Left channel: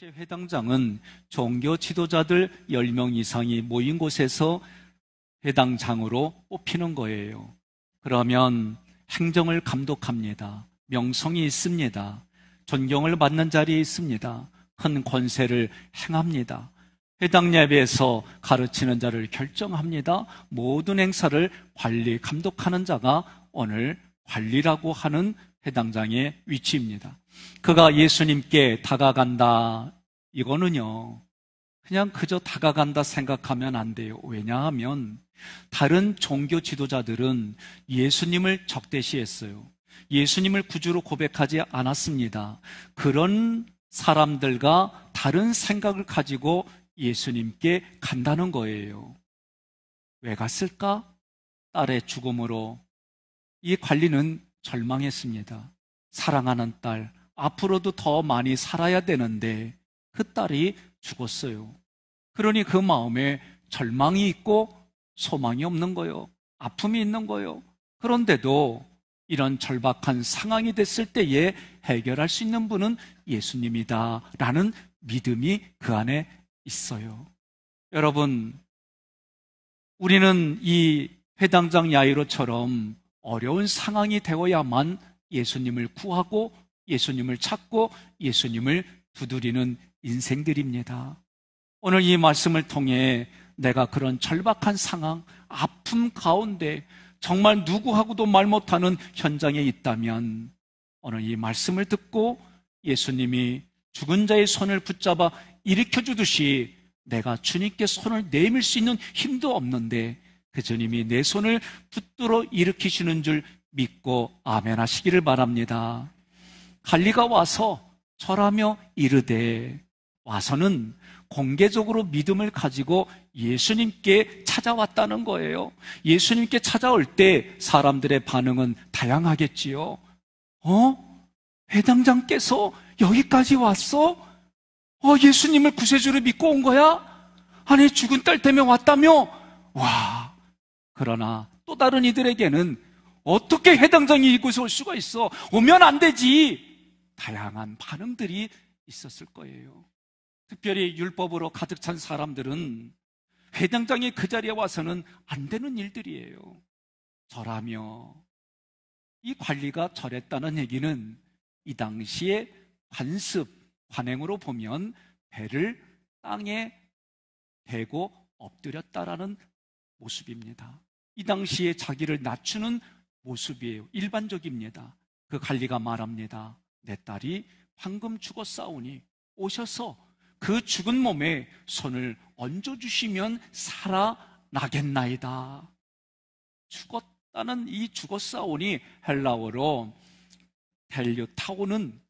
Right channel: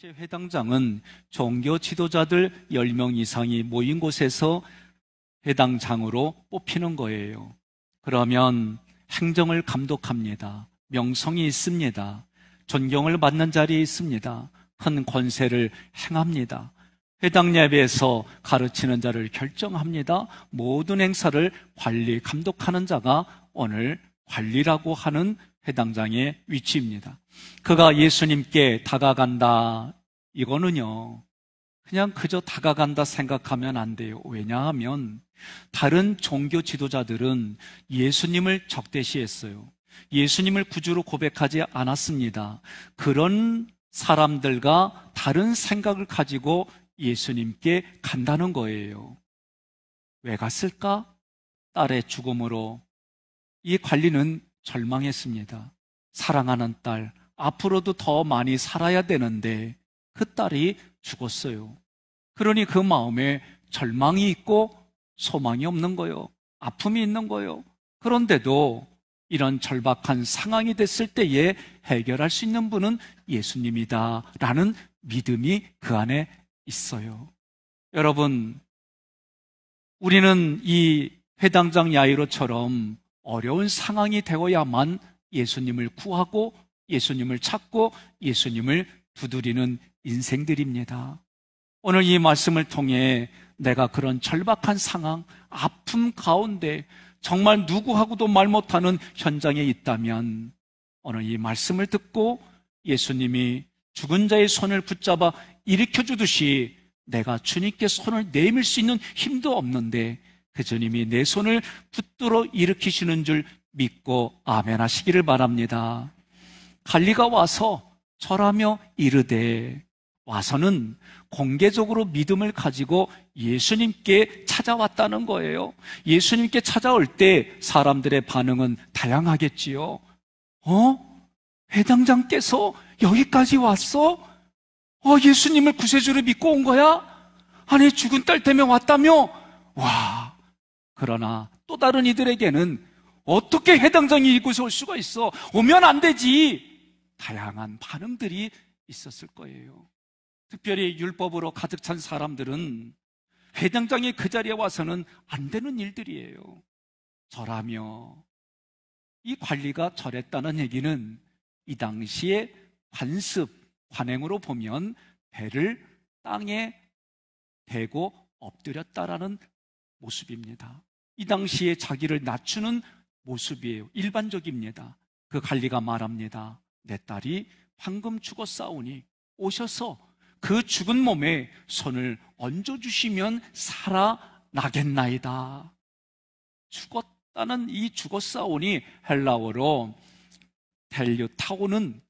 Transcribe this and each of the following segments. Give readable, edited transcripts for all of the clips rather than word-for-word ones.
당시 회당장은 종교 지도자들 10명 이상이 모인 곳에서 회당장으로 뽑히는 거예요. 그러면 행정을 감독합니다. 명성이 있습니다. 존경을 받는 자리에 있습니다. 큰 권세를 행합니다. 회당 예배에서 가르치는 자를 결정합니다. 모든 행사를 관리, 감독하는 자가 오늘 관리라고 하는 회당장의 위치입니다. 그가 예수님께 다가간다. 이거는요, 그냥 그저 다가간다 생각하면 안 돼요. 왜냐하면 다른 종교 지도자들은 예수님을 적대시했어요. 예수님을 구주로 고백하지 않았습니다. 그런 사람들과 다른 생각을 가지고 예수님께 간다는 거예요. 왜 갔을까? 딸의 죽음으로 이 관리는 절망했습니다. 사랑하는 딸, 앞으로도 더 많이 살아야 되는데 그 딸이 죽었어요. 그러니 그 마음에 절망이 있고 소망이 없는 거예요. 아픔이 있는 거예요. 그런데도 이런 절박한 상황이 됐을 때에 해결할 수 있는 분은 예수님이다 라는 믿음이 그 안에 있어요. 여러분, 우리는 이 회당장 야이로처럼 어려운 상황이 되어야만 예수님을 구하고 예수님을 찾고 예수님을 두드리는 인생들입니다. 오늘 이 말씀을 통해 내가 그런 절박한 상황, 아픔 가운데 정말 누구하고도 말 못하는 현장에 있다면 오늘 이 말씀을 듣고 예수님이 죽은 자의 손을 붙잡아 일으켜주듯이 내가 주님께 손을 내밀 수 있는 힘도 없는데 그 주님이 내 손을 붙들어 일으키시는 줄 믿고 아멘 하시기를 바랍니다. 갈리가 와서 절하며 이르되, 와서는 공개적으로 믿음을 가지고 예수님께 찾아왔다는 거예요. 예수님께 찾아올 때 사람들의 반응은 다양하겠지요. 회당장께서 여기까지 왔어? 예수님을 구세주로 믿고 온 거야? 아니, 죽은 딸 때문에 왔다며? 와! 그러나 또 다른 이들에게는 어떻게 회당장이 이곳에 올 수가 있어? 오면 안 되지! 다양한 반응들이 있었을 거예요. 특별히 율법으로 가득 찬 사람들은 회당장이 그 자리에 와서는 안 되는 일들이에요. 절하며, 이 관리가 절했다는 얘기는 이 당시에 관습, 관행으로 보면 배를 땅에 대고 엎드렸다라는 모습입니다. 이 당시에 자기를 낮추는 모습이에요. 일반적입니다. 그 관리가 말합니다. 내 딸이 방금 죽었사오니 오셔서 그 죽은 몸에 손을 얹어주시면 살아나겠나이다. 죽었다는 이 죽었사오니 헬라어로 텔류타오는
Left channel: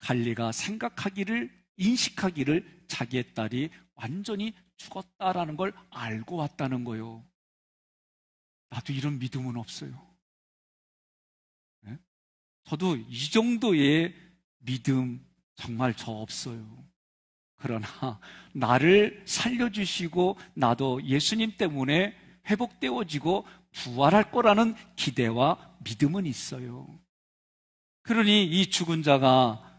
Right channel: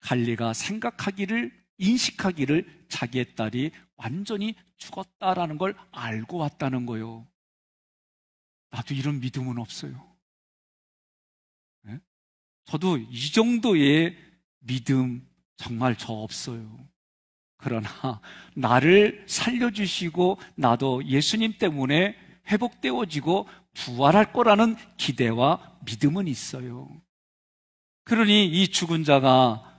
갈리가 생각하기를, 인식하기를 자기의 딸이 완전히 죽었다라는 걸 알고 왔다는 거예요. 나도 이런 믿음은 없어요. 네? 저도 이 정도의 믿음 정말 저 없어요. 그러나 나를 살려주시고 나도 예수님 때문에 회복되어지고 부활할 거라는 기대와 믿음은 있어요. 그러니 이 죽은 자가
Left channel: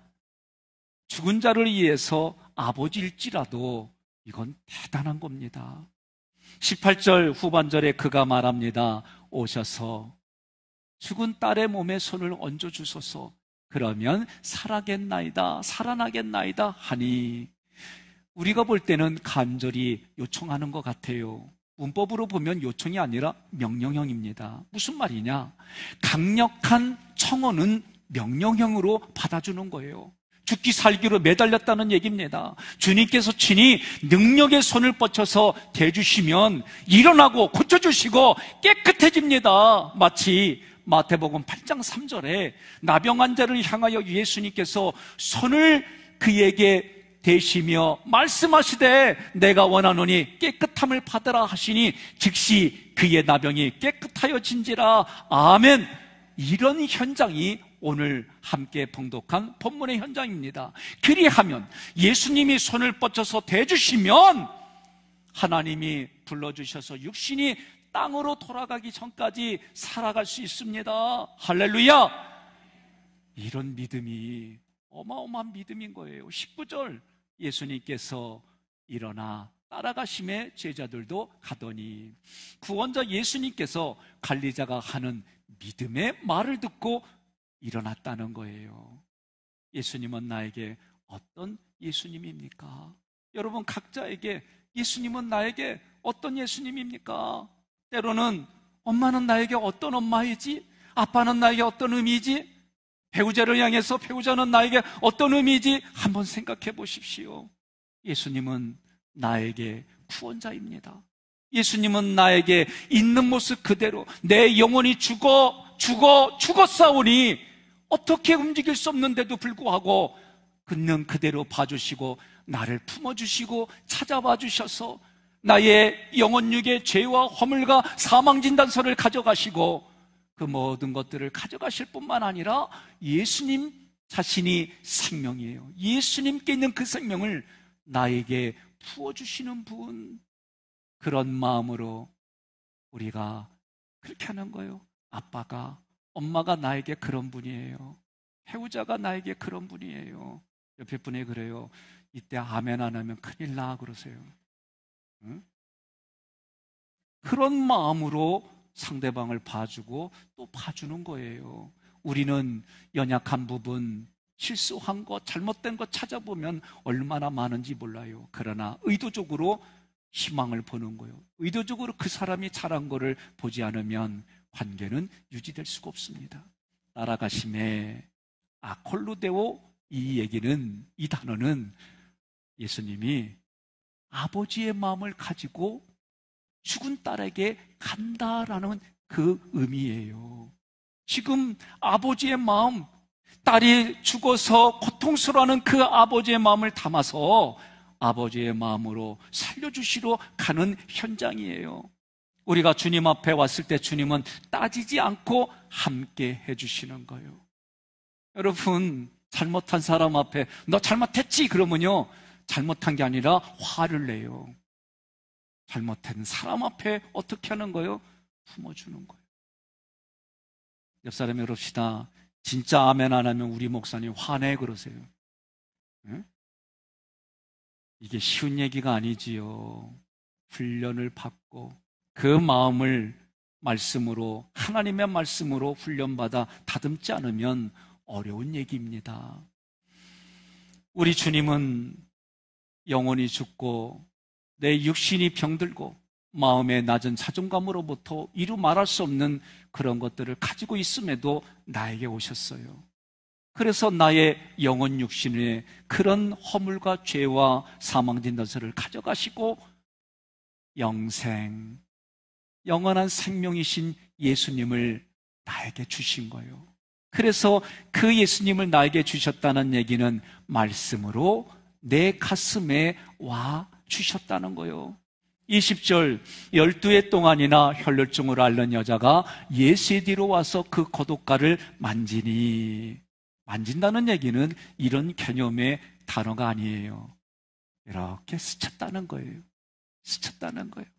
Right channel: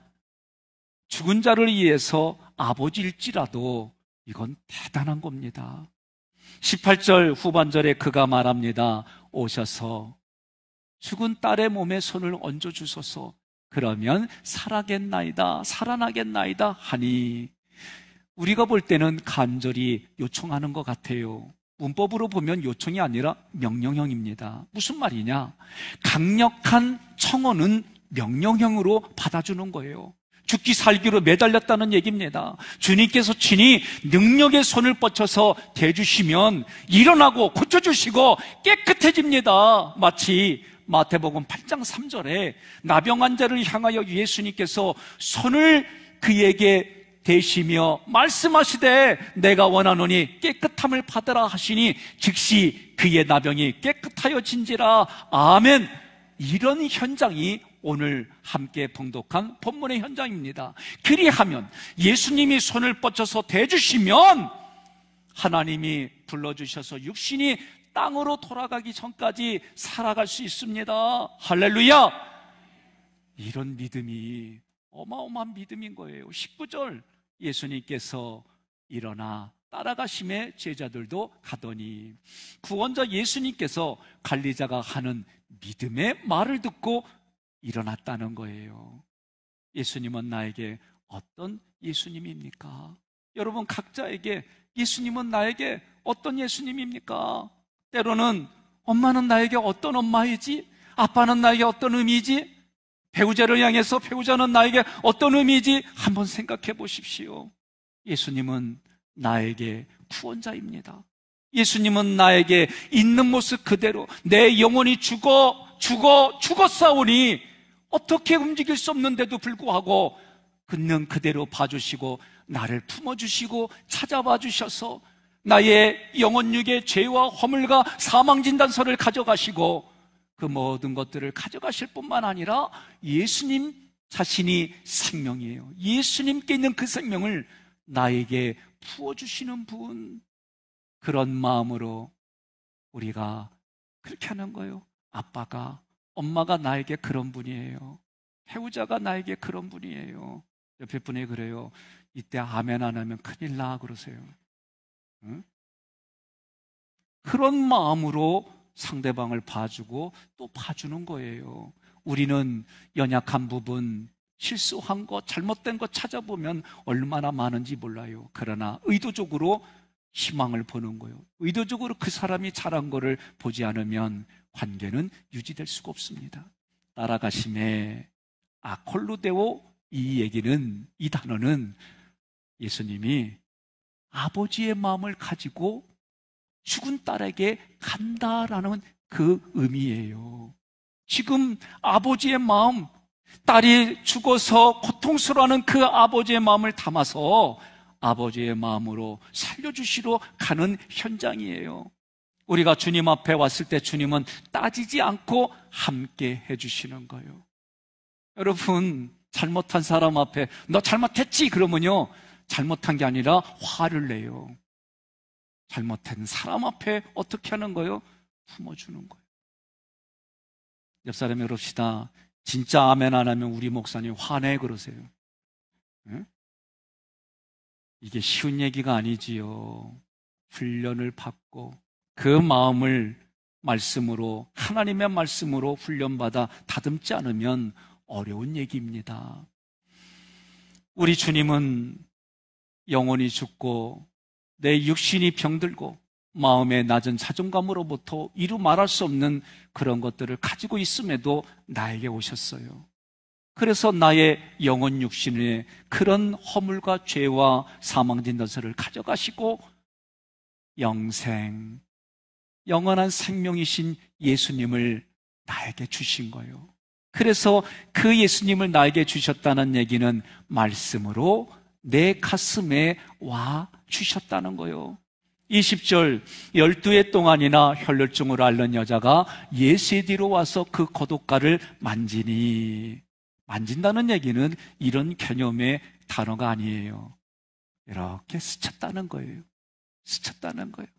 죽은 자를 위해서 아버지일지라도 이건 대단한 겁니다. 18절 후반절에 그가 말합니다. 오셔서 죽은 딸의 몸에 손을 얹어주소서. 그러면 살아나겠나이다 하니, 우리가 볼 때는 간절히 요청하는 것 같아요. 문법으로 보면 요청이 아니라 명령형입니다. 무슨 말이냐? 강력한 청원은 명령형으로 받아주는 거예요. 죽기 살기로 매달렸다는 얘기입니다. 주님께서 친히 능력의 손을 뻗쳐서 대주시면 일어나고 고쳐주시고 깨끗해집니다. 마치 마태복음 8장 3절에 나병 환자를 향하여 예수님께서 손을 그에게 대시며 말씀하시되 내가 원하노니 깨끗함을 받으라 하시니 즉시 그의 나병이 깨끗하여진지라. 아멘. 이런 현장이 오늘 함께 봉독한 본문의 현장입니다. 그리하면 예수님이 손을 뻗쳐서 대주시면 하나님이 불러주셔서 육신이 땅으로 돌아가기 전까지 살아갈 수 있습니다. 할렐루야! 이런 믿음이 어마어마한 믿음인 거예요. 19절 예수님께서 일어나 따라가심에 제자들도 가더니 구원자 예수님께서 관리자가 하는 믿음의 말을 듣고 일어났다는 거예요. 예수님은 나에게 어떤 예수님입니까? 여러분 각자에게 예수님은 나에게 어떤 예수님입니까? 때로는 엄마는 나에게 어떤 엄마이지? 아빠는 나에게 어떤 의미이지? 배우자를 향해서 배우자는 나에게 어떤 의미이지? 한번 생각해 보십시오. 예수님은 나에게 구원자입니다. 예수님은 나에게 있는 모습 그대로 내 영혼이 죽었사오니 어떻게 움직일 수 없는데도 불구하고 있는 그대로 봐주시고 나를 품어주시고 찾아봐 주셔서 나의 영혼육의 죄와 허물과 사망진단서를 가져가시고 그 모든 것들을 가져가실 뿐만 아니라 예수님 자신이 생명이에요. 예수님께 있는 그 생명을 나에게 부어주시는 분, 그런 마음으로 우리가 그렇게 하는 거예요. 아빠가, 엄마가 나에게 그런 분이에요. 배우자가 나에게 그런 분이에요. 옆에 분이 그래요. 이때 아멘 안 하면 큰일 나 그러세요. 응? 그런 마음으로 상대방을 봐주고 또 봐주는 거예요. 우리는 연약한 부분, 실수한 것, 잘못된 것 찾아보면 얼마나 많은지 몰라요. 그러나 의도적으로 희망을 보는 거예요. 의도적으로 그 사람이 잘한 거를 보지 않으면 관계는 유지될 수가 없습니다. 따라가심에 아콜루데오, 이 단어는 예수님이 아버지의 마음을 가지고 죽은 딸에게 간다라는 그 의미예요. 지금 아버지의 마음, 딸이 죽어서 고통스러워하는 그 아버지의 마음을 담아서 아버지의 마음으로 살려주시러 가는 현장이에요. 우리가 주님 앞에 왔을 때 주님은 따지지 않고 함께 해주시는 거예요. 여러분, 잘못한 사람 앞에 너 잘못했지 그러면요, 잘못한 게 아니라 화를 내요. 잘못한 사람 앞에 어떻게 하는 거예요? 품어주는 거예요. 옆 사람이 그럽시다. 진짜 아멘 안 하면 우리 목사님 화내 그러세요. 응? 이게 쉬운 얘기가 아니지요. 훈련을 받고 그 마음을 말씀으로, 하나님의 말씀으로 훈련받아 다듬지 않으면 어려운 얘기입니다. 우리 주님은 영혼이 죽고 내 육신이 병들고 마음의 낮은 자존감으로부터 이루 말할 수 없는 그런 것들을 가지고 있음에도 나에게 오셨어요. 그래서 나의 영혼 육신의 그런 허물과 죄와 사망진단서를 가져가시고 영생, 영원한 생명이신 예수님을 나에게 주신 거예요. 그래서 그 예수님을 나에게 주셨다는 얘기는 말씀으로 내 가슴에 와 주셨다는 거예요. 20절, 12해 동안이나 혈루증을 앓는 여자가 예수의 뒤로 와서 그 겉옷가를 만지니, 만진다는 얘기는 이런 개념의 단어가 아니에요. 이렇게 스쳤다는 거예요. 스쳤다는 거예요.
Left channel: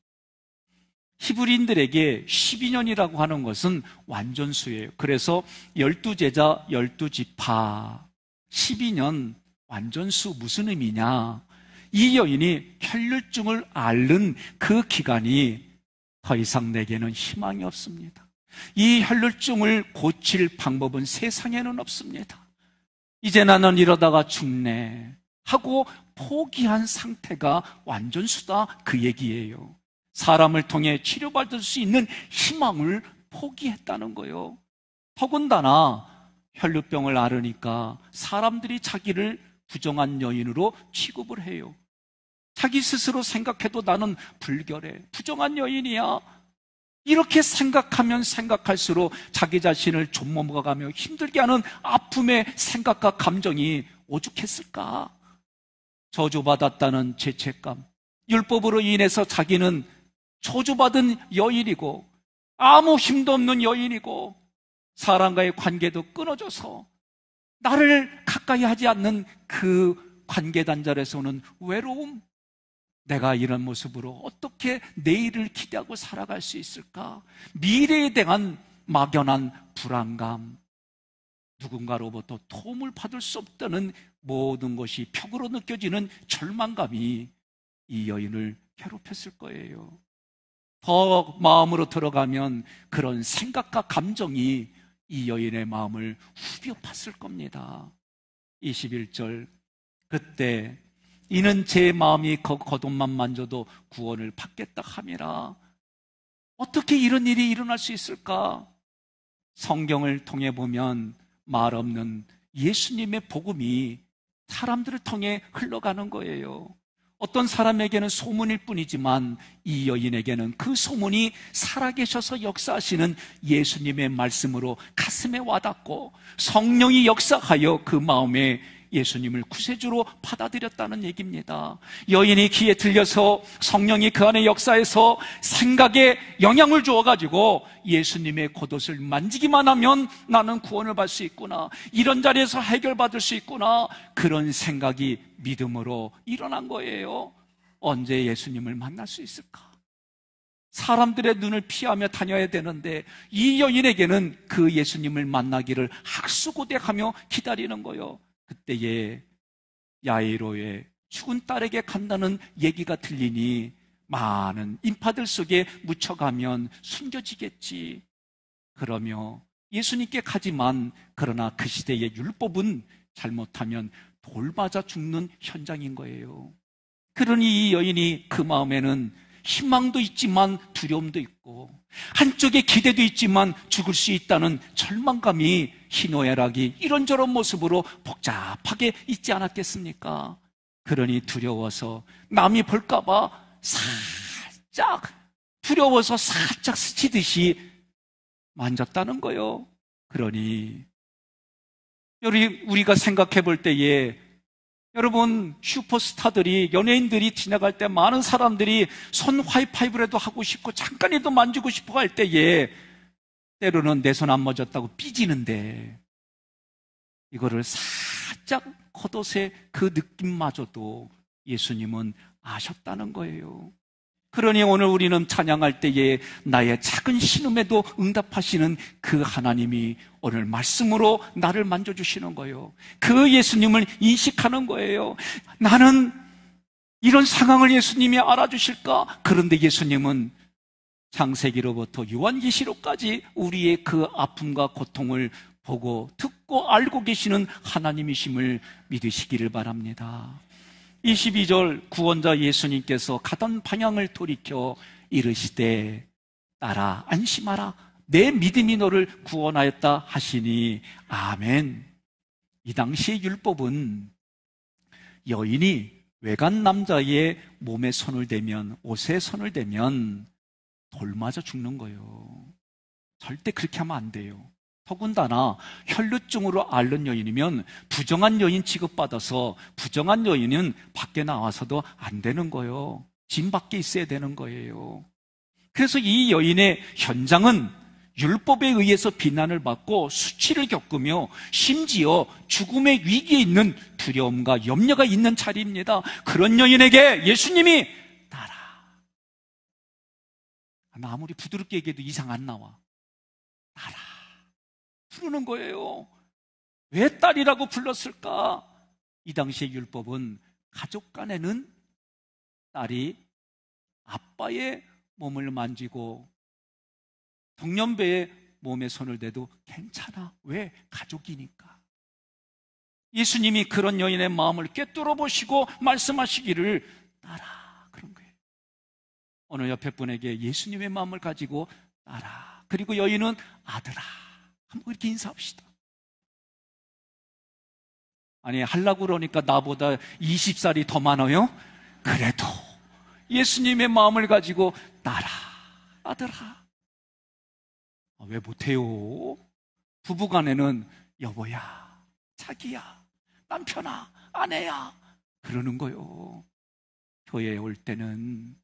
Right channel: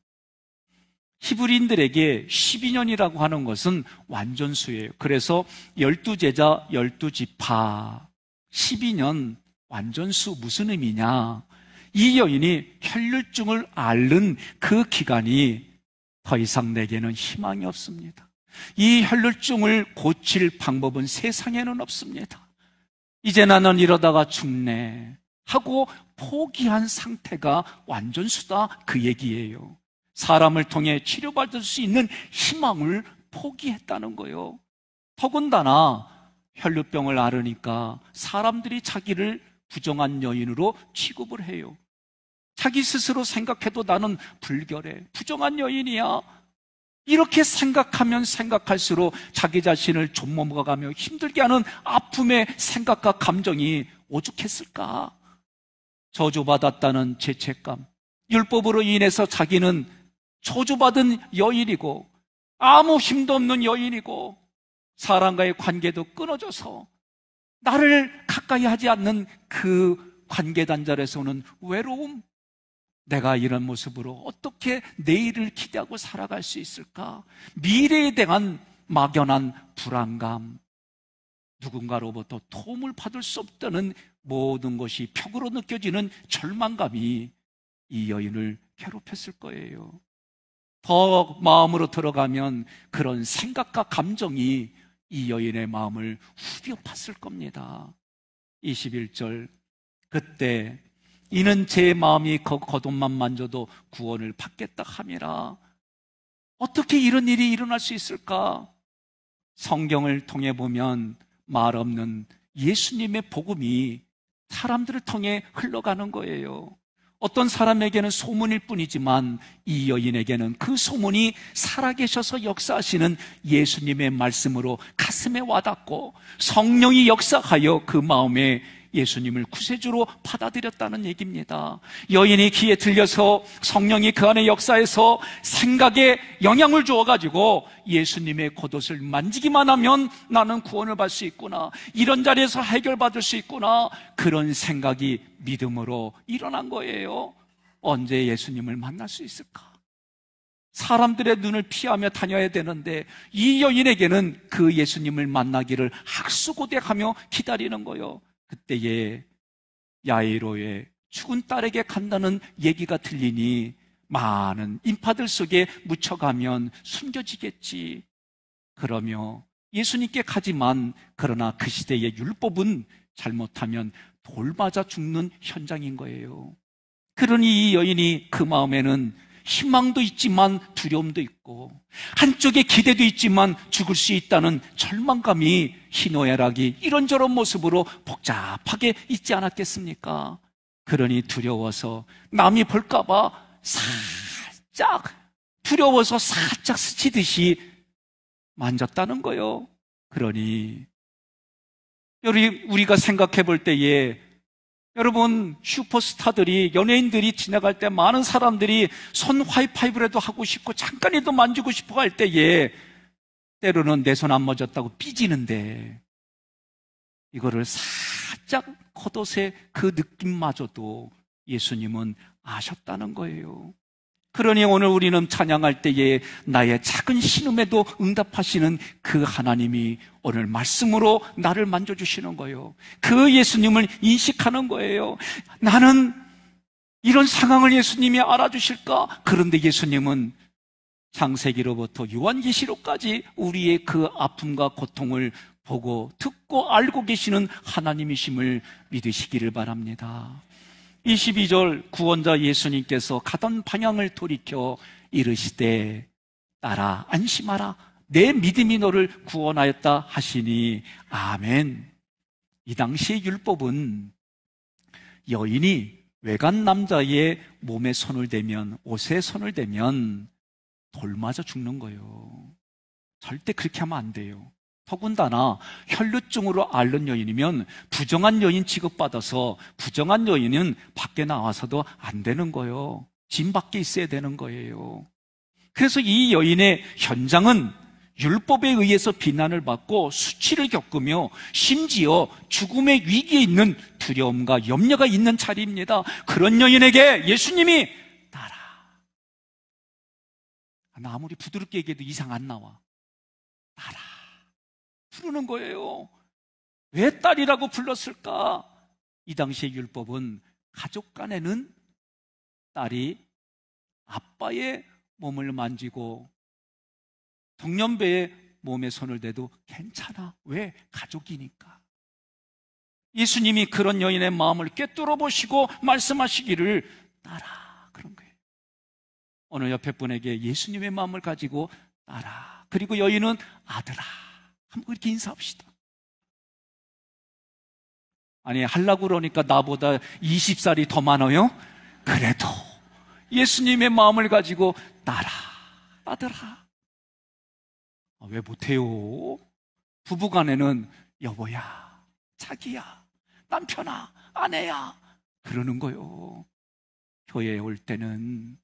히브리인들에게 12년이라고 하는 것은 완전수예요. 그래서 12제자 12지파 12년 완전수 무슨 의미냐? 이 여인이 혈루증을 앓는 그 기간이 더 이상 내게는 희망이 없습니다. 이 혈루증을 고칠 방법은 세상에는 없습니다. 이제 나는 이러다가 죽네 하고 포기한 상태가 완전수다 그 얘기예요. 사람을 통해 치료받을 수 있는 희망을 포기했다는 거예요. 더군다나 혈루병을 앓으니까 사람들이 자기를 부정한 여인으로 취급을 해요. 자기 스스로 생각해도 나는 불결해, 부정한 여인이야. 이렇게 생각하면 생각할수록 자기 자신을 좀먹어가며 힘들게 하는 아픔의 생각과 감정이 오죽했을까? 저주받았다는 죄책감, 율법으로 인해서 자기는 저주받은 여인이고 아무 힘도 없는 여인이고 사람과의 관계도 끊어져서 나를 가까이 하지 않는 그 관계 단절에서 오는 외로움, 내가 이런 모습으로 어떻게 내일을 기대하고 살아갈 수 있을까? 미래에 대한 막연한 불안감, 누군가로부터 도움을 받을 수 없다는 모든 것이 벽으로 느껴지는 절망감이 이 여인을 괴롭혔을 거예요. 더 마음으로 들어가면 그런 생각과 감정이 이 여인의 마음을 후벼 팠을 겁니다. 21절, 그때 이는 제 마음이 겉옷만 만져도 구원을 받겠다 함이라. 어떻게 이런 일이 일어날 수 있을까? 성경을 통해 보면 말 없는 예수님의 복음이 사람들을 통해 흘러가는 거예요. 어떤 사람에게는 소문일 뿐이지만 이 여인에게는 그 소문이 살아계셔서 역사하시는 예수님의 말씀으로 가슴에 와닿고 성령이 역사하여 그 마음에 예수님을 구세주로 받아들였다는 얘기입니다. 여인이 귀에 들려서 성령이 그 안에 역사해서 생각에 영향을 주어가지고 예수님의 겉옷을 만지기만 하면 나는 구원을 받을 수 있구나, 이런 자리에서 해결받을 수 있구나, 그런 생각이 믿음으로 일어난 거예요. 언제 예수님을 만날 수 있을까? 사람들의 눈을 피하며 다녀야 되는데 이 여인에게는 그 예수님을 만나기를 학수고대하며 기다리는 거예요. 그때에 야이로의 죽은 딸에게 간다는 얘기가 들리니 많은 인파들 속에 묻혀가면 숨겨지겠지. 그러며 예수님께 가지만, 그러나 그 시대의 율법은 잘못하면 돌 맞아 죽는 현장인 거예요. 그러니 이 여인이 그 마음에는 희망도 있지만 두려움도 있고, 한쪽에 기대도 있지만 죽을 수 있다는 절망감이 희노애락이 이런저런 모습으로 복잡하게 있지 않았겠습니까? 그러니 두려워서 남이 볼까봐 두려워서 살짝 스치듯이 만졌다는 거요. 그러니 우리가 생각해 볼 때에, 여러분, 슈퍼스타들이, 연예인들이 지나갈 때 많은 사람들이 손 하이파이브라도 하고 싶고 잠깐이라도 만지고 싶어 할 때에 때로는 내 손 안 맞았다고 삐지는데, 이거를 살짝 겉옷의 그 느낌마저도 예수님은 아셨다는 거예요. 그러니 오늘 우리는 찬양할 때에 나의 작은 신음에도 응답하시는 그 하나님이 오늘 말씀으로 나를 만져주시는 거예요. 그 예수님을 인식하는 거예요. 나는 이런 상황을 예수님이 알아주실까? 그런데 예수님은 창세기로부터 요한계시록까지 우리의 그 아픔과 고통을 보고 듣고 알고 계시는 하나님이심을 믿으시기를 바랍니다. 22절, 구원자 예수님께서 가던 방향을 돌이켜 이르시되 따라 안심하라, 내 믿음이 너를 구원하였다 하시니 아멘. 이 당시의 율법은 여인이 외간 남자의 몸에 손을 대면, 옷에 손을 대면 돌 맞아 죽는 거예요. 절대 그렇게 하면 안 돼요. 더군다나 혈루증으로 앓는 여인이면 부정한 여인 취급받아서 부정한 여인은 밖에 나와서도 안 되는 거예요. 집 밖에 있어야 되는 거예요. 그래서 이 여인의 현장은 율법에 의해서 비난을 받고 수치를 겪으며 심지어 죽음의 위기에 있는 두려움과 염려가 있는 자리입니다. 그런 여인에게 예수님이 따라, 나 아무리 부드럽게 얘기해도 이상 안 나와, 따라 부르는 거예요. 왜 딸이라고 불렀을까? 이 당시의 율법은 가족 간에는 딸이 아빠의 몸을 만지고 동년배의 몸에 손을 대도 괜찮아. 왜? 가족이니까. 예수님이 그런 여인의 마음을 꿰뚫어 보시고 말씀하시기를 따라, 그런 거예요. 오늘 옆에 분에게 예수님의 마음을 가지고 따라, 그리고 여인은 아들아, 한번 이렇게 인사합시다. 아니, 하려고 그러니까 나보다 20살이 더 많아요? 그래도 예수님의 마음을 가지고 따라, 아들아. 왜 못해요? 부부간에는 여보야, 자기야, 남편아, 아내야, 그러는 거요. 교회에 올 때는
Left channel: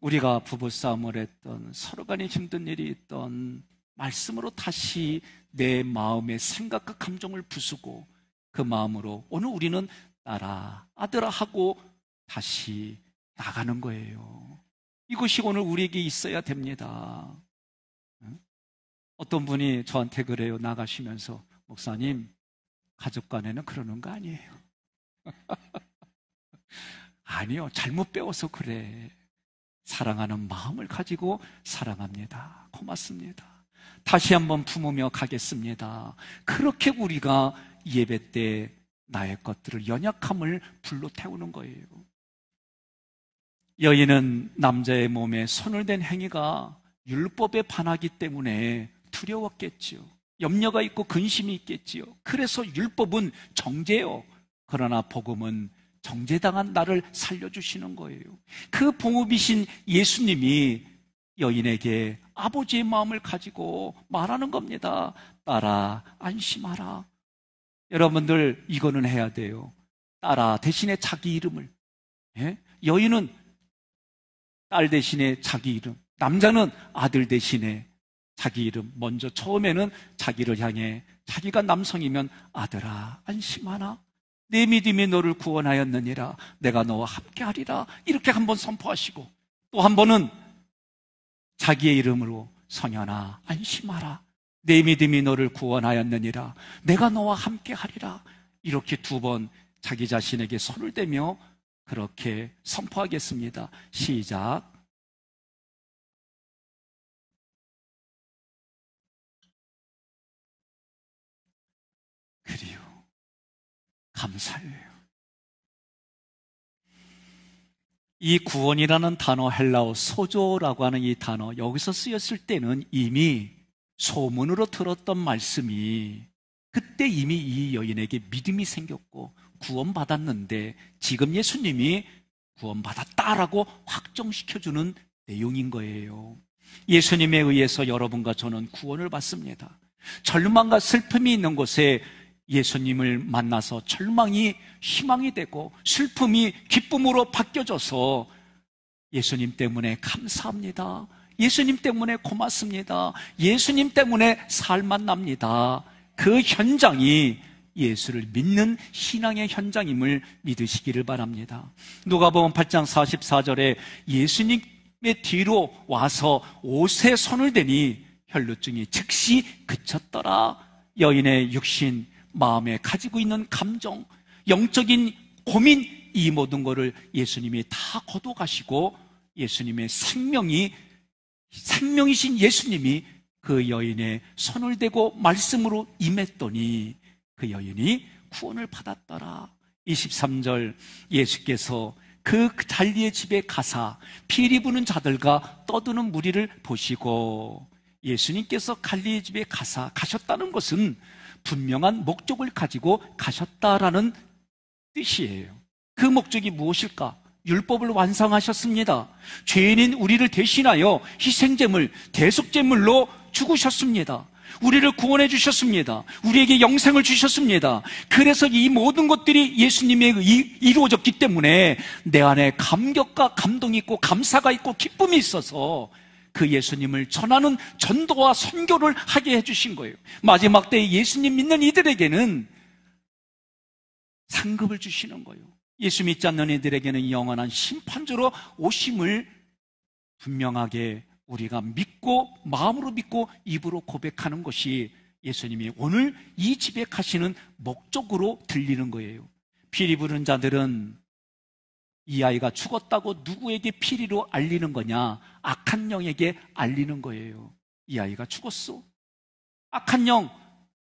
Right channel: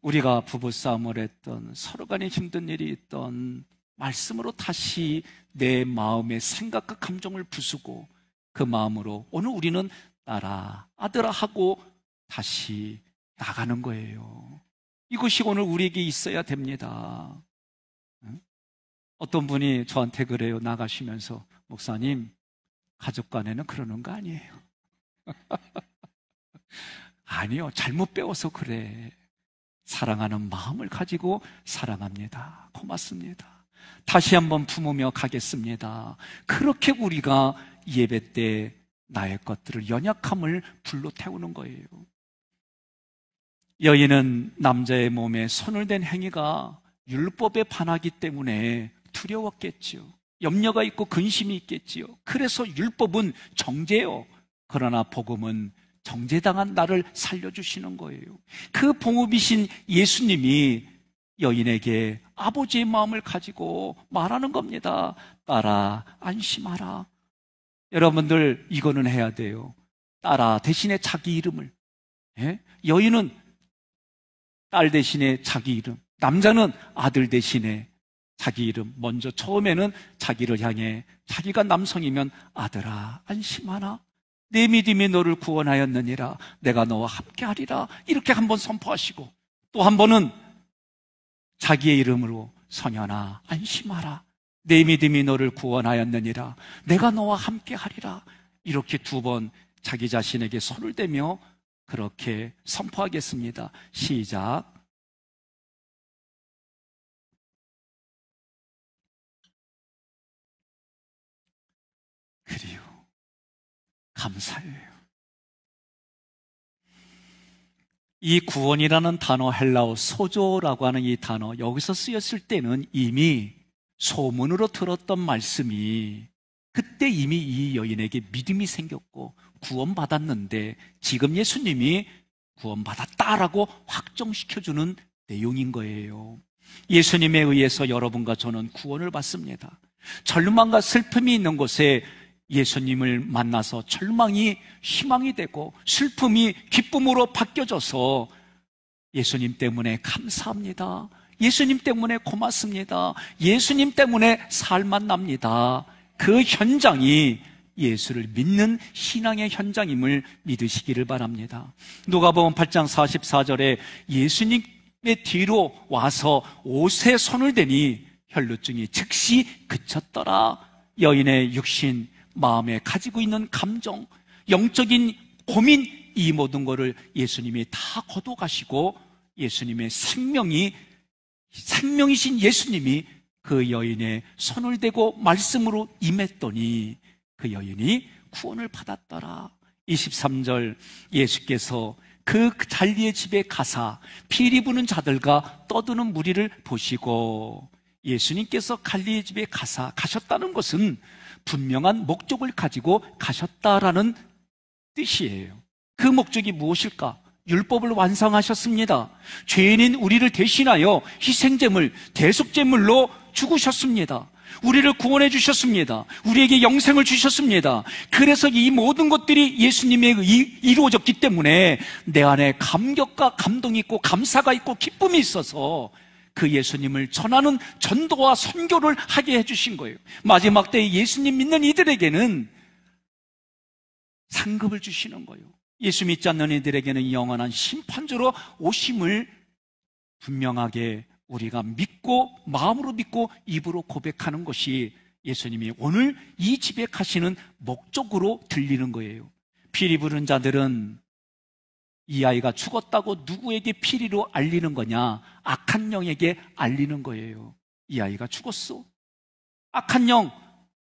우리가 부부싸움을 했던, 서로 간에 힘든 일이 있던, 말씀으로 다시 내 마음의 생각과 감정을 부수고 그 마음으로 오늘 우리는 따라, 아들아 하고 다시 나가는 거예요. 이것이 오늘 우리에게 있어야 됩니다. 어떤 분이 저한테 그래요. 나가시면서, 목사님, 가족 간에는 그러는 거 아니에요. 아니요, 잘못 배워서 그래. 사랑하는 마음을 가지고 사랑합니다. 고맙습니다. 다시 한번 품으며 가겠습니다. 그렇게 우리가 예배 때 나의 것들을, 연약함을 불러 태우는 거예요. 여인은 남자의 몸에 손을 댄 행위가 율법에 반하기 때문에 두려웠겠지요. 염려가 있고 근심이 있겠지요. 그래서 율법은 정죄요. 그러나 복음은 정죄당한 나를 살려주시는 거예요. 그 봉업이신 예수님이 여인에게 아버지의 마음을 가지고 말하는 겁니다. 딸아, 안심하라. 여러분들, 이거는 해야 돼요. 딸아 대신에 자기 이름을. 여인은 딸 대신에 자기 이름, 남자는 아들 대신에 자기 이름. 먼저 처음에는 자기를 향해, 자기가 남성이면 아들아 안심하라, 내 믿음이 너를 구원하였느니라, 내가 너와 함께하리라, 이렇게 한번 선포하시고, 또 한 번은 자기의 이름으로 성현아 안심하라, 내 믿음이 너를 구원하였느니라, 내가 너와 함께하리라, 이렇게 두 번 자기 자신에게 손을 대며 그렇게 선포하겠습니다. 시작. 그리요, 감사해요. 이 구원이라는 단어, 헬라어 소조라고 하는 이 단어, 여기서 쓰였을 때는 이미 소문으로 들었던 말씀이, 그때 이미 이 여인에게 믿음이 생겼고 구원받았는데, 지금 예수님이 구원받았다라고 확정시켜주는 내용인 거예요. 예수님에 의해서 여러분과 저는 구원을 받습니다. 절망과 슬픔이 있는 곳에 예수님을 만나서 절망이 희망이 되고 슬픔이 기쁨으로 바뀌어져서 예수님 때문에 감사합니다, 예수님 때문에 고맙습니다, 예수님 때문에 살만 납니다. 그 현장이 예수를 믿는 신앙의 현장임을 믿으시기를 바랍니다. 누가복음 8장 44절에 예수님의 뒤로 와서 옷에 손을 대니 혈루증이 즉시 그쳤더라. 여인의 육신, 마음에 가지고 있는 감정, 영적인 고민, 이 모든 것을 예수님이 다 거둬가시고 예수님의 생명이신 예수님이 그 여인의 손을 대고 말씀으로 임했더니 그 여인이 구원을 받았더라. 23절, 예수께서 그 잔리의 집에 가사 피리 부는 자들과 떠드는 무리를 보시고, 예수님께서 갈리의 집에 가셨다는 것은 분명한 목적을 가지고 가셨다라는 뜻이에요. 그 목적이 무엇일까? 율법을 완성하셨습니다. 죄인인 우리를 대신하여 희생제물, 대속제물로 죽으셨습니다. 우리를 구원해 주셨습니다. 우리에게 영생을 주셨습니다. 그래서 이 모든 것들이 예수님에 이루어졌기 때문에 내 안에 감격과 감동이 있고 감사가 있고 기쁨이 있어서 그 예수님을 전하는 전도와 선교를 하게 해주신 거예요. 마지막 때에 예수님 믿는 이들에게는 상급을 주시는 거예요. 예수 믿지 않는 이들에게는 영원한 심판주로 오심을 분명하게 우리가 믿고, 마음으로 믿고 입으로 고백하는 것이 예수님이 오늘 이 집에 가시는 목적으로 들리는 거예요. 피리 부는 자들은 이 아이가 죽었다고 누구에게 피리로 알리는 거냐? 악한 영에게 알리는 거예요. 이 아이가 죽었어. 악한 영,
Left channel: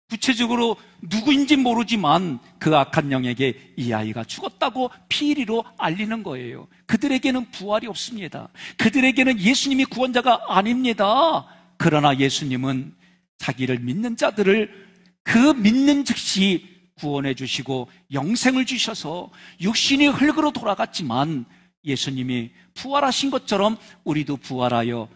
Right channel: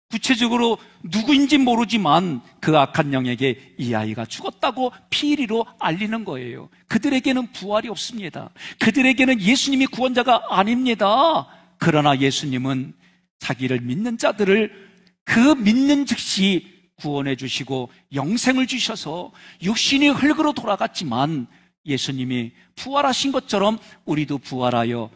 구체적으로 누구인지 모르지만 그 악한 영에게 이 아이가 죽었다고 피리로 알리는 거예요. 그들에게는 부활이 없습니다. 그들에게는 예수님이 구원자가 아닙니다. 그러나 예수님은 자기를 믿는 자들을 그 믿는 즉시 구원해 주시고 영생을 주셔서 육신이 흙으로 돌아갔지만 예수님이 부활하신 것처럼 우리도 부활하여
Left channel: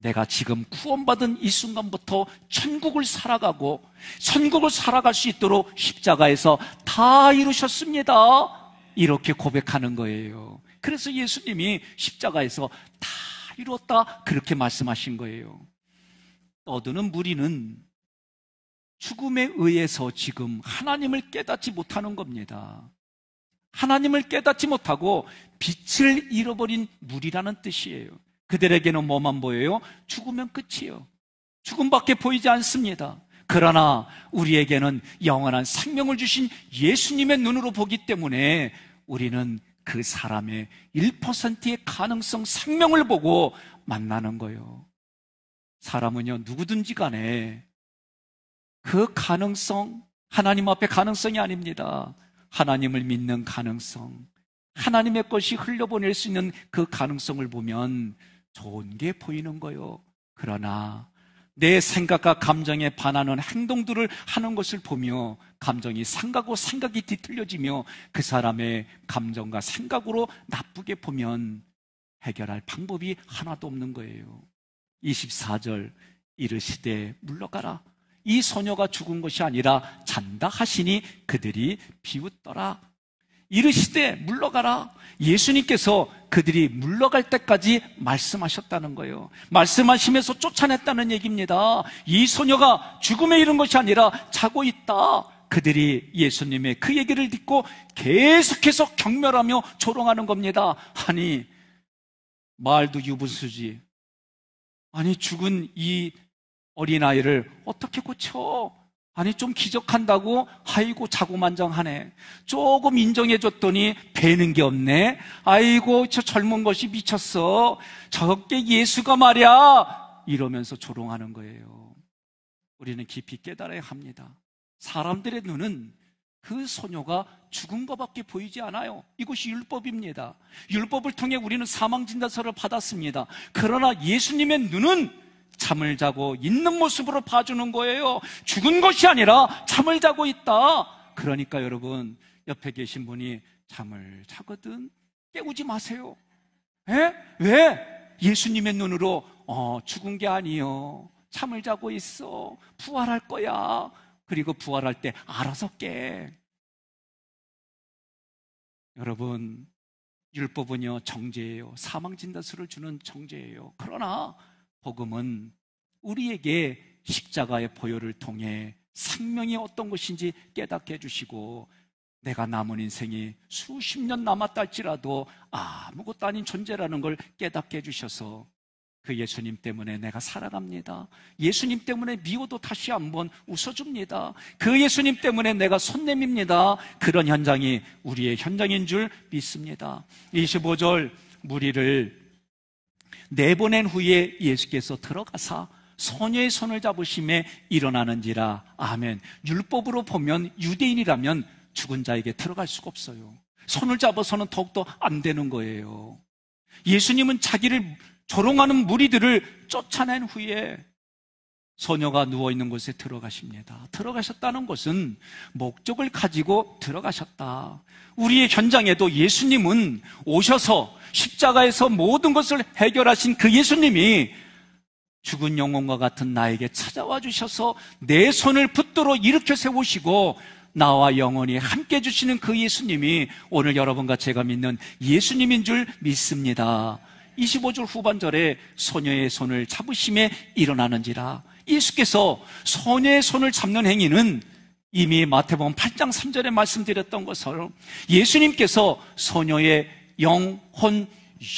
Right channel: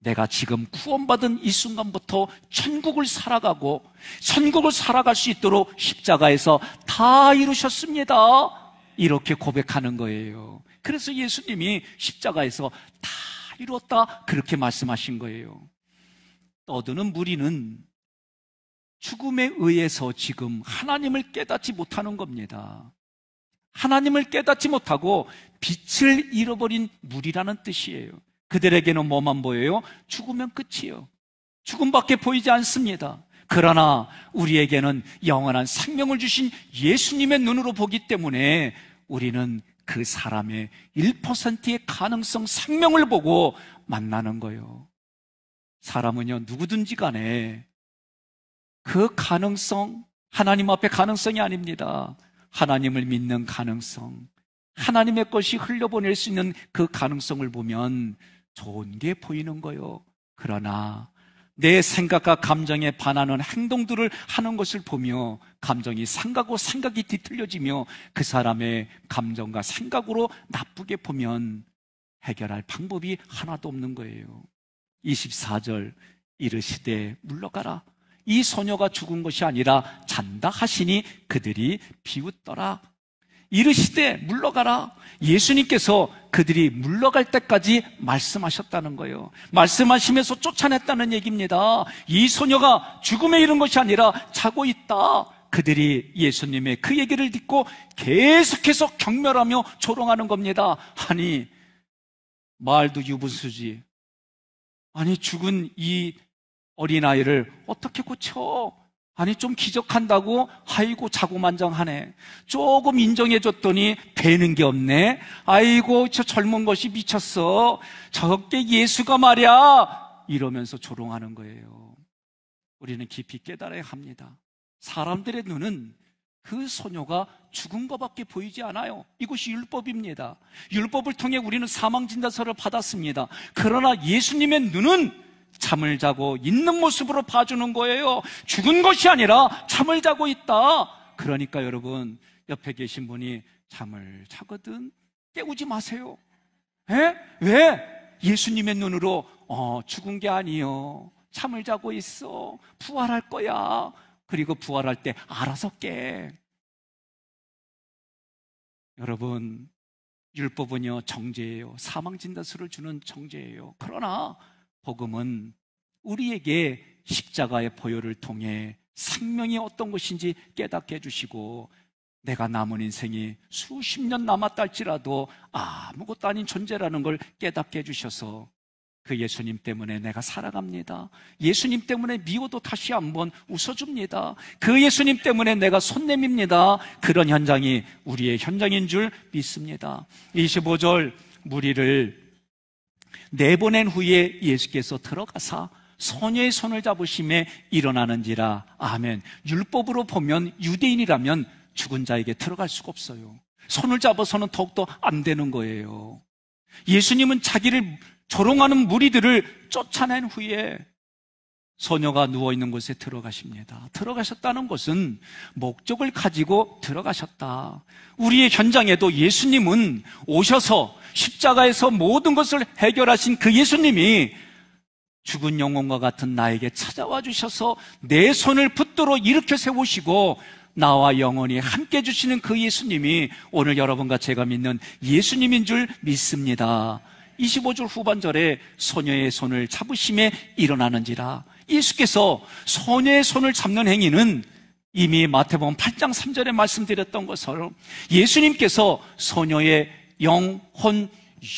내가 지금 구원받은 이 순간부터 천국을 살아가고 천국을 살아갈 수 있도록 십자가에서 다 이루셨습니다. 이렇게 고백하는 거예요. 그래서 예수님이 십자가에서 다 이루었다 그렇게 말씀하신 거예요. 떠드는 무리는 죽음에 의해서 지금 하나님을 깨닫지 못하는 겁니다. 하나님을 깨닫지 못하고 빛을 잃어버린 무리라는 뜻이에요. 그들에게는 뭐만 보여요? 죽으면 끝이에요. 죽음밖에 보이지 않습니다. 그러나 우리에게는 영원한 생명을 주신 예수님의 눈으로 보기 때문에 우리는 그 사람의 1%의 가능성 생명을 보고 만나는 거예요. 사람은요, 누구든지 간에 그 가능성, 하나님 앞에 가능성이 아닙니다. 하나님을 믿는 가능성, 하나님의 것이 흘려보낼 수 있는 그 가능성을 보면 좋은 게 보이는 거예요. 그러나 내 생각과 감정에 반하는 행동들을 하는 것을 보며 감정이 상하고 생각이 뒤틀려지며 그 사람의 감정과 생각으로 나쁘게 보면 해결할 방법이 하나도 없는 거예요. 24절 이르시되 물러가라. 이 소녀가 죽은 것이 아니라 잔다 하시니 그들이 비웃더라. 이르시되 물러가라. 예수님께서 그들이 물러갈 때까지 말씀하셨다는 거예요. 말씀하시면서 쫓아냈다는 얘기입니다. 이 소녀가 죽음에 이른 것이 아니라 자고 있다. 그들이 예수님의 그 얘기를 듣고 계속해서 경멸하며 조롱하는 겁니다. 아니, 말도 유분수지. 아니, 죽은 이 어린아이를 어떻게 고쳐? 아니, 좀 기적한다고? 아이고, 자고만장하네. 조금 인정해줬더니 배는 게 없네. 아이고, 저 젊은 것이 미쳤어. 저게 예수가 말이야. 이러면서 조롱하는 거예요. 우리는 깊이 깨달아야 합니다. 사람들의 눈은 그 소녀가 죽은 것밖에 보이지 않아요. 이것이 율법입니다. 율법을 통해 우리는 사망진단서를 받았습니다. 그러나 예수님의 눈은 잠을 자고 있는 모습으로 봐주는 거예요. 죽은 것이 아니라 잠을 자고 있다. 그러니까 여러분, 옆에 계신 분이 잠을 자거든 깨우지 마세요. 왜? 예수님의 눈으로 죽은 게 아니요, 잠을 자고 있어. 부활할 거야. 그리고 부활할 때 알아서 깨. 여러분, 율법은요 정죄예요. 사망진단서를 주는 정죄예요. 그러나 복음은 우리에게 십자가의 보혈을 통해 생명이 어떤 것인지 깨닫게 해주시고, 내가 남은 인생이 수십 년 남았다 할지라도 아무것도 아닌 존재라는 걸 깨닫게 해주셔서 그 예수님 때문에 내가 살아갑니다. 예수님 때문에 미워도 다시 한번 웃어줍니다. 그 예수님 때문에 내가 손 내밉니다. 그런 현장이 우리의 현장인 줄 믿습니다. 25절 무리를 내보낸 후에 예수께서 들어가사 소녀의 손을 잡으심에 일어나는지라. 아멘. 율법으로 보면 유대인이라면 죽은 자에게 들어갈 수가 없어요. 손을 잡아서는 더욱더 안 되는 거예요. 예수님은 자기를 조롱하는 무리들을 쫓아낸 후에 소녀가 누워있는 곳에 들어가십니다. 들어가셨다는 것은 목적을 가지고 들어가셨다. 우리의 현장에도 예수님은 오셔서 십자가에서 모든 것을 해결하신 그 예수님이 죽은 영혼과 같은 나에게 찾아와 주셔서 내 손을 붙들어 일으켜 세우시고 나와 영원히 함께 해주시는 그 예수님이 오늘 여러분과 제가 믿는 예수님인 줄 믿습니다. 25절 후반절에 소녀의 손을 잡으심에 일어나는지라. 예수께서 소녀의 손을 잡는 행위는 이미 마태복음 8장 3절에 말씀드렸던 것처럼 예수님께서 소녀의 영혼,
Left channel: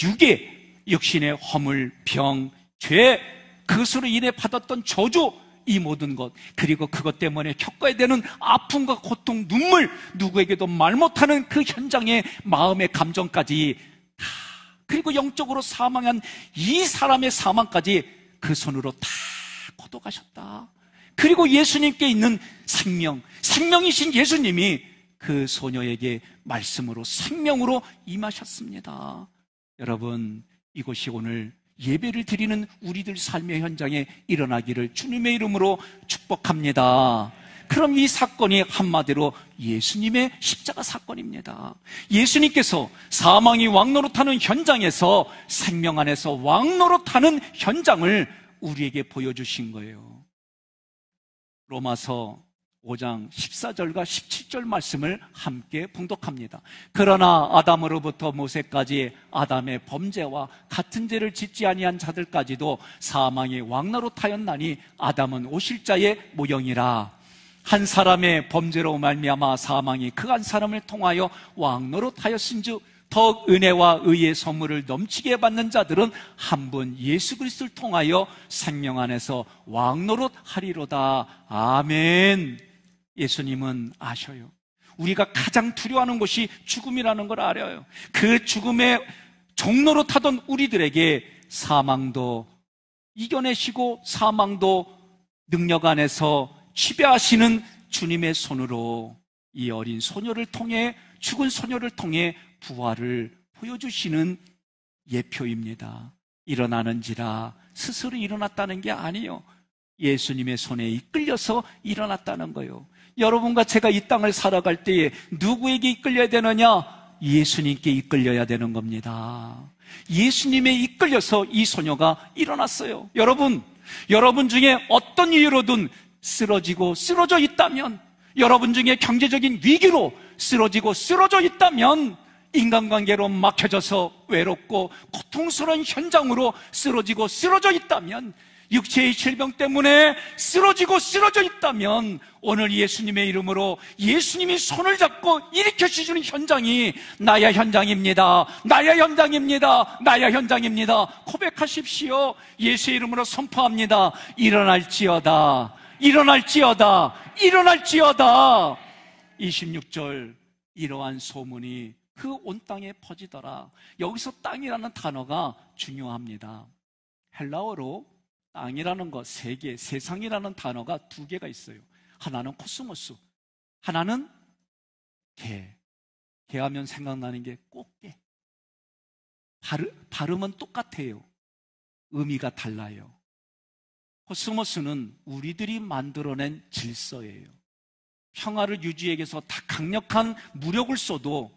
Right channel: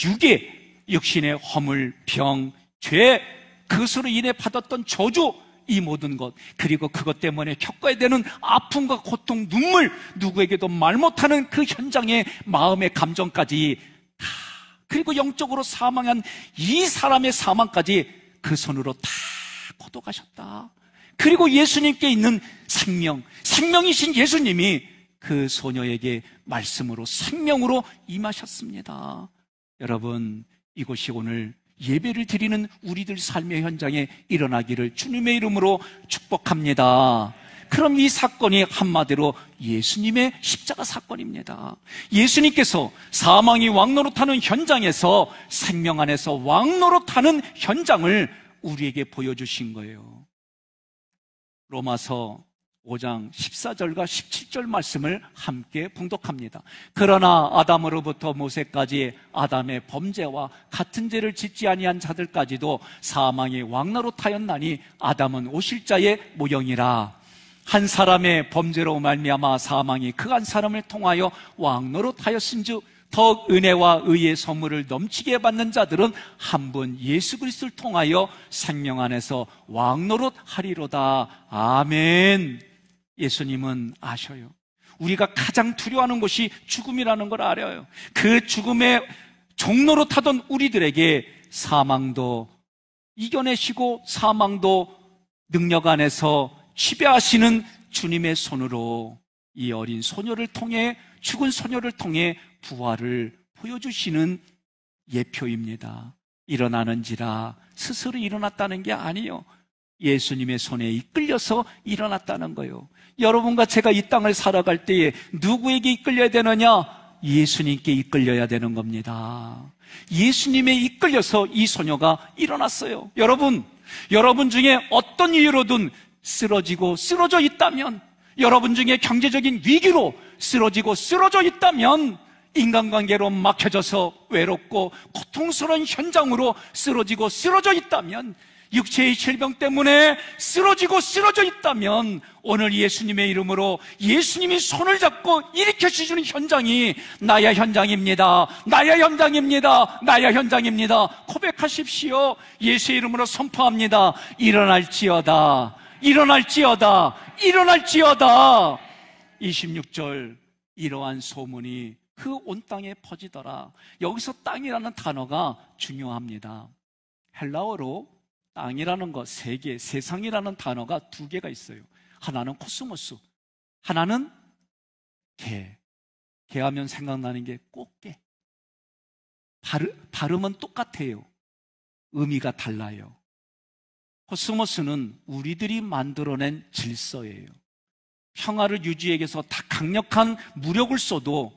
육에 육신의 허물, 병, 죄, 그것으로 인해 받았던 저주, 이 모든 것, 그리고 그것 때문에 겪어야 되는 아픔과 고통, 눈물, 누구에게도 말 못하는 그 현장의 마음의 감정까지 다, 그리고 영적으로 사망한 이 사람의 사망까지 그 손으로 다 걷어가셨다. 그리고 예수님께 있는 생명, 생명이신 예수님이 그 소녀에게 말씀으로 생명으로 임하셨습니다. 여러분, 이것이 오늘 예배를 드리는 우리들 삶의 현장에 일어나기를 주님의 이름으로 축복합니다. 그럼 이 사건이 한마디로 예수님의 십자가 사건입니다. 예수님께서 사망이 왕노릇하는 현장에서 생명 안에서 왕노릇하는 현장을 우리에게 보여주신 거예요. 로마서 5장 14절과 17절 말씀을 함께 봉독합니다. 그러나 아담으로부터 모세까지 아담의 범죄와 같은 죄를 짓지 아니한 자들까지도 사망이 왕노릇하였나니 아담은 오실자의 모형이라. 한 사람의 범죄로 말미암아 사망이 그 한 사람을 통하여 왕노릇하였은즉 더 은혜와 의의 선물을 넘치게 받는 자들은 한 분 예수 그리스도를 통하여 생명 안에서 왕노릇 하리로다. 아멘. 예수님은 아셔요. 우리가 가장 두려워하는 것이 죽음이라는 걸 알아요. 그 죽음의 종로로 타던 우리들에게 사망도 이겨내시고 사망도 능력 안에서 지배하시는 주님의 손으로 이 어린 소녀를 통해, 죽은 소녀를 통해 부활을 보여주시는 예표입니다. 일어나는지라 스스로 일어났다는 게 아니에요. 예수님의 손에 이끌려서 일어났다는 거예요. 여러분과 제가 이 땅을 살아갈 때에 누구에게 이끌려야 되느냐? 예수님께 이끌려야 되는 겁니다. 예수님에 이끌려서 이 소녀가 일어났어요. 여러분 중에 어떤 이유로든 쓰러져 있다면, 여러분 중에 경제적인 위기로 쓰러져 있다면, 인간관계로 막혀져서 외롭고 고통스러운 현장으로 쓰러져 있다면, 육체의 질병 때문에 쓰러져 있다면, 오늘 예수님의 이름으로 예수님이 손을 잡고 일으켜주시는 현장이 나의 현장입니다. 고백하십시오. 예수의 이름으로 선포합니다. 일어날지어다. 26절, 이러한 소문이 그 온 땅에 퍼지더라. 여기서 땅이라는 단어가 중요합니다. 헬라어로 땅이라는 것, 세계, 세상이라는 단어가 두 개가 있어요. 하나는 코스모스, 하나는 개. 개하면 생각나는 게 꽃게. 발음은 똑같아요. 의미가 달라요. 코스모스는 우리들이 만들어낸 질서예요. 평화를 유지하기 위해서 다 강력한 무력을 써도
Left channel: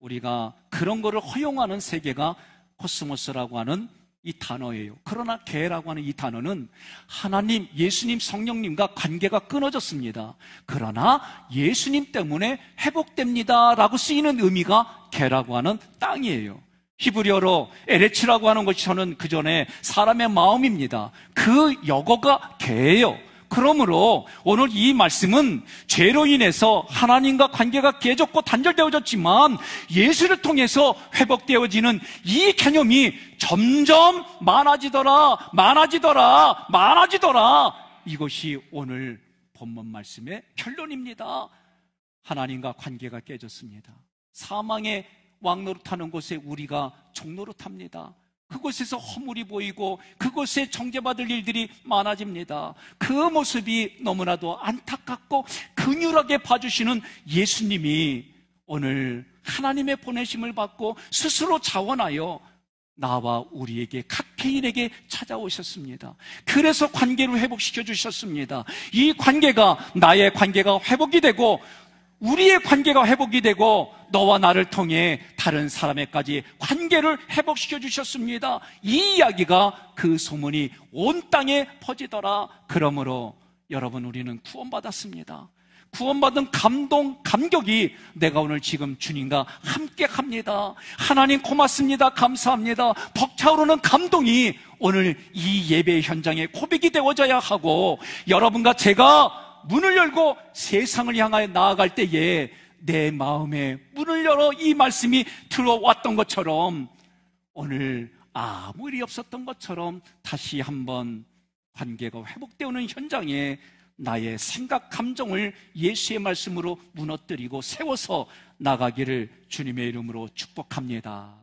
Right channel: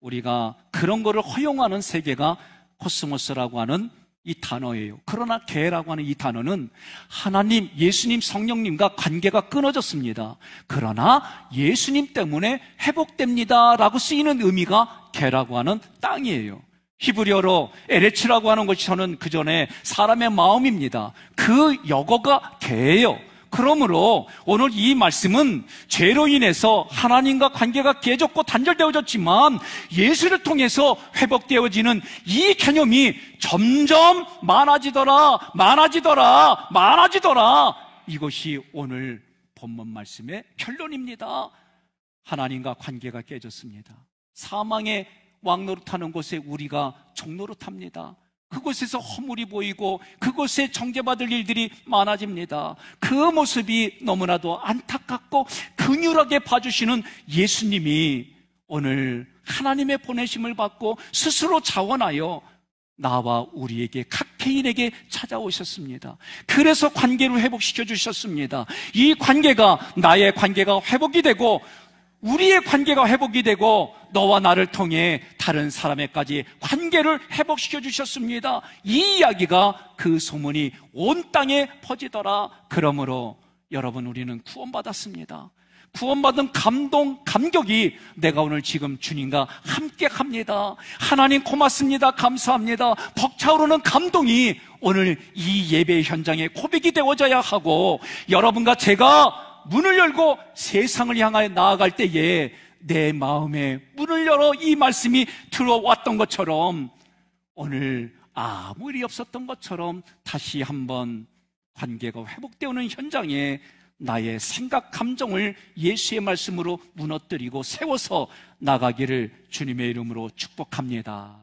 우리가 그런 거를 허용하는 세계가 코스모스라고 하는 이 단어예요. 그러나 개라고 하는 이 단어는 하나님, 예수님, 성령님과 관계가 끊어졌습니다. 그러나 예수님 때문에 회복됩니다 라고 쓰이는 의미가 개라고 하는 땅이에요. 히브리어로 에레츠라고 하는 것이 저는 그 전에 사람의 마음입니다. 그 역어가 개예요. 그러므로 오늘 이 말씀은 죄로 인해서 하나님과 관계가 깨졌고 단절되어졌지만 예수를 통해서 회복되어지는 이 개념이 점점 많아지더라. 이것이 오늘 본문 말씀의 결론입니다. 하나님과 관계가 깨졌습니다. 사망의 왕노릇하는 곳에 우리가 종노릇합니다. 그곳에서 허물이 보이고 그곳에 정죄받을 일들이 많아집니다. 그 모습이 너무나도 안타깝고 긍휼하게 봐주시는 예수님이 오늘 하나님의 보내심을 받고 스스로 자원하여 나와 우리에게 각 개인에게 찾아오셨습니다. 그래서 관계를 회복시켜 주셨습니다. 이 관계가, 나의 관계가 회복이 되고 우리의 관계가 회복이 되고 너와 나를 통해 다른 사람에까지 관계를 회복시켜 주셨습니다. 이 이야기가, 그 소문이 온 땅에 퍼지더라. 그러므로 여러분, 우리는 구원받았습니다. 구원받은 감격이 내가 오늘 지금 주님과 함께 합니다. 하나님 고맙습니다. 감사합니다. 벅차오르는 감동이 오늘 이 예배 현장에 고백이 되어져야 하고, 여러분과 제가 문을 열고 세상을 향하여 나아갈 때에 내 마음에 문을 열어 이 말씀이 들어왔던 것처럼 오늘 아무 일이 없었던 것처럼 다시 한번 관계가 회복되어오는 현장에 나의 생각, 감정을 예수의 말씀으로 무너뜨리고 세워서 나가기를 주님의 이름으로 축복합니다.